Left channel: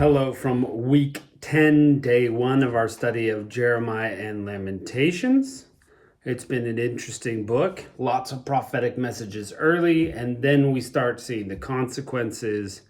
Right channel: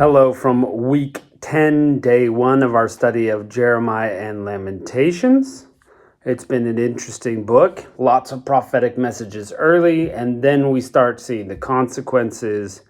Hello from week 10, day 1 of our study of Jeremiah and Lamentations. It's been an interesting book, lots of prophetic messages early, and then we start seeing the consequences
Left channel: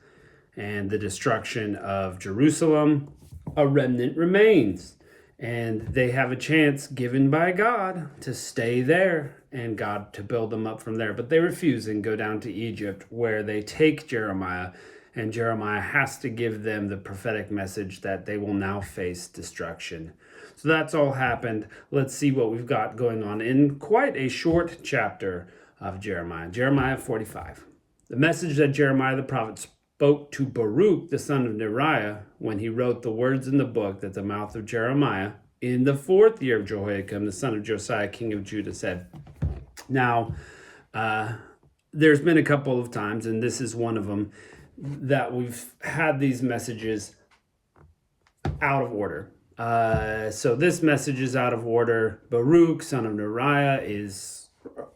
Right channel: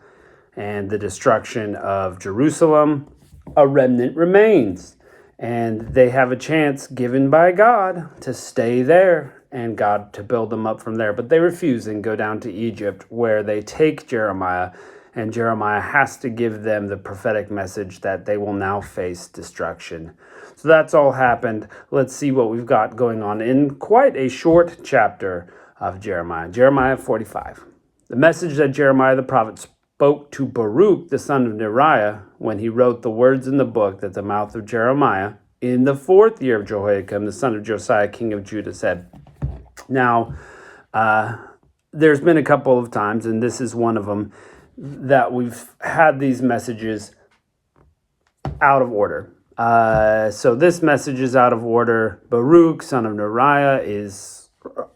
and the destruction of Jerusalem. A remnant remains, and they have a chance given by God to stay there and God to build them up from there. But they refuse and go down to Egypt, where they take Jeremiah, and Jeremiah has to give them the prophetic message that they will now face destruction. So that's all happened. Let's see what we've got going on in quite a short chapter of Jeremiah. Jeremiah 45. The message that Jeremiah the prophet spoke to Baruch, the son of Neriah, when he wrote the words in the book that the mouth of Jeremiah, in the 4th year of Jehoiakim, the son of Josiah, king of Judah, said. Now, there's been a couple of times, and this is one of them, that we've had these messages out of order. So this message is out of order. Baruch, son of Neriah, is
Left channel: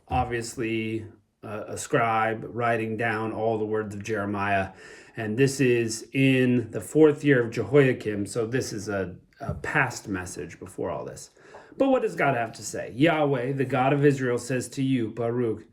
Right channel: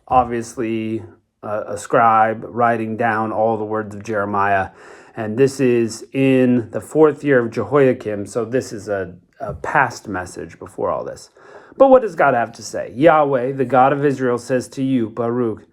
obviously a scribe writing down all the words of Jeremiah. And this is in the 4th year of Jehoiakim. So this is a past message before all this. But what does God have to say? Yahweh, the God of Israel, says to you, Baruch,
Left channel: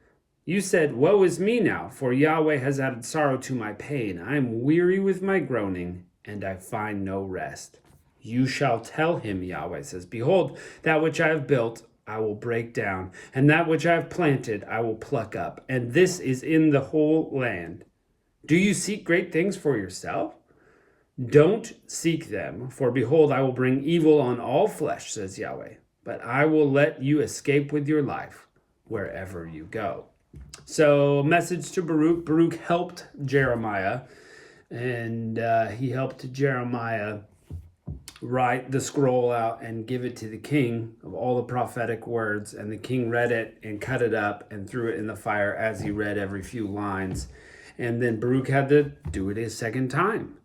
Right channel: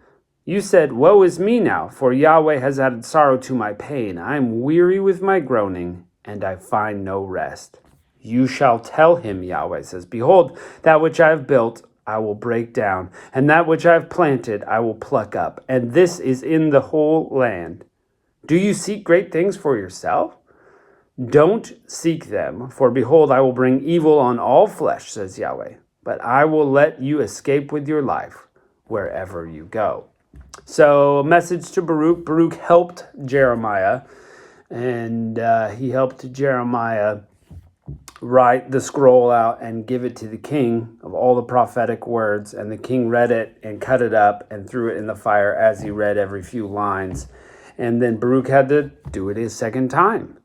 you said, woe is me now, for Yahweh has added sorrow to my pain. I am weary with my groaning, and I find no rest. You shall tell him, Yahweh says, behold, that which I have built, I will break down, and that which I have planted, I will pluck up. And this is in the whole land. Do you seek great things for yourself? Don't seek them, for behold, I will bring evil on all flesh, says Yahweh. But I will let you escape with your life wherever you go. So, a message to Baruch. Baruch helped Jeremiah, and he helped Jeremiah write the scroll out and give it to the king of all the prophetic words. And the king read it and cut it up and threw it in the fire as he read every few lines. And then Baruch had to do it a second time.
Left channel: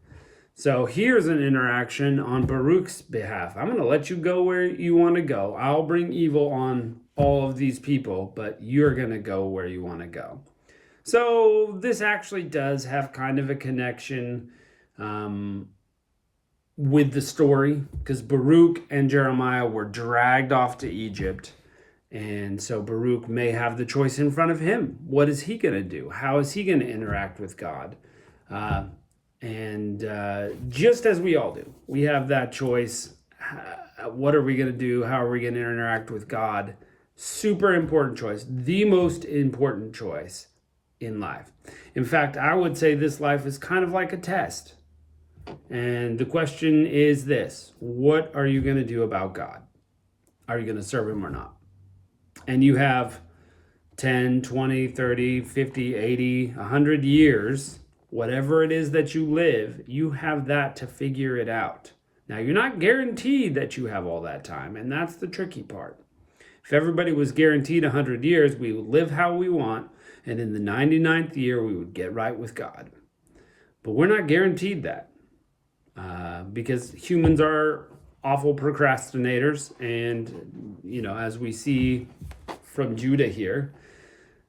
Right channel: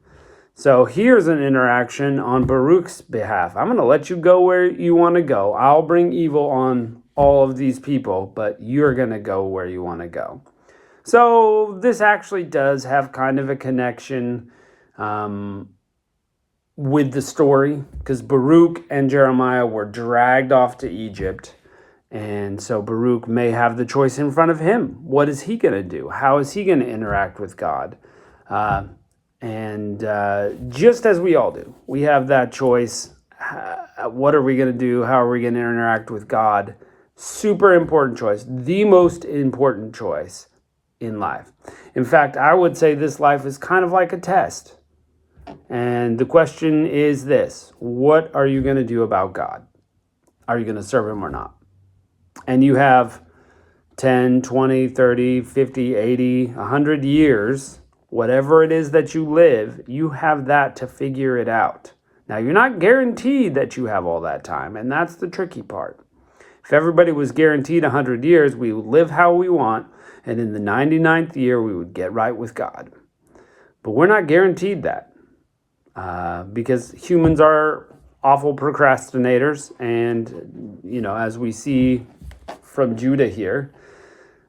So here's an interaction on Baruch's behalf. I'm going to let you go where you want to go. I'll bring evil on all of these people, but you're going to go where you want to go. So this actually does have kind of a connection with the story, because Baruch and Jeremiah were dragged off to Egypt. And so Baruch may have the choice in front of him. What is he going to do? How is he going to interact with God? And just as we all do, we have that choice. What are we going to do? How are we going to interact with God? Super important choice. The most important choice in life. In fact, I would say this life is kind of like a test. And the question is this: what are you going to do about God? Are you going to serve him or not? And you have 10, 20, 30, 50, 80, 100 years, whatever it is that you live, you have that to figure it out. Now, you're not guaranteed that you have all that time, and that's the tricky part. If everybody was guaranteed 100 years, we would live how we want, and in the 99th year, we would get right with God. But we're not guaranteed that, because humans are awful procrastinators, and, as we see from Judah here,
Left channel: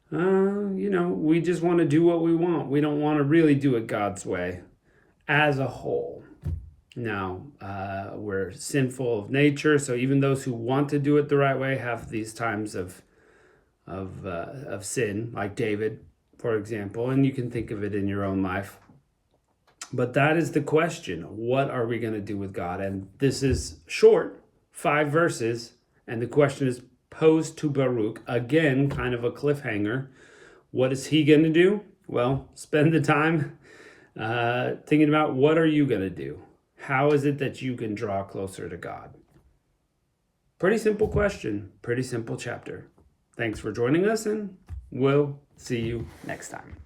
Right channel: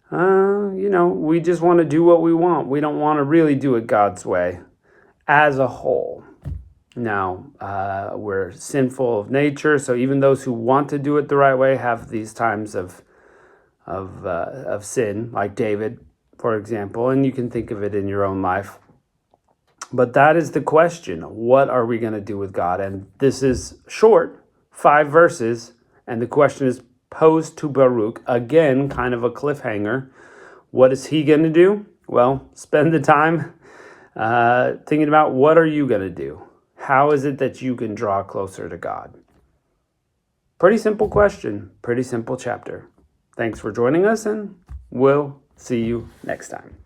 we just want to do what we want. We don't want to really do it God's way as a whole. Now, we're sinful of nature, so even those who want to do it the right way have these times of sin, like David, for example, and you can think of it in your own life. But that is the question. What are we going to do with God? And this is short, 5 verses, and the question is posed to Baruch. Again, kind of a cliffhanger. What is he going to do? Well, spend the time thinking about, what are you going to do? How is it that you can draw closer to God? Pretty simple question, pretty simple chapter. Thanks for joining us, and we'll see you next time.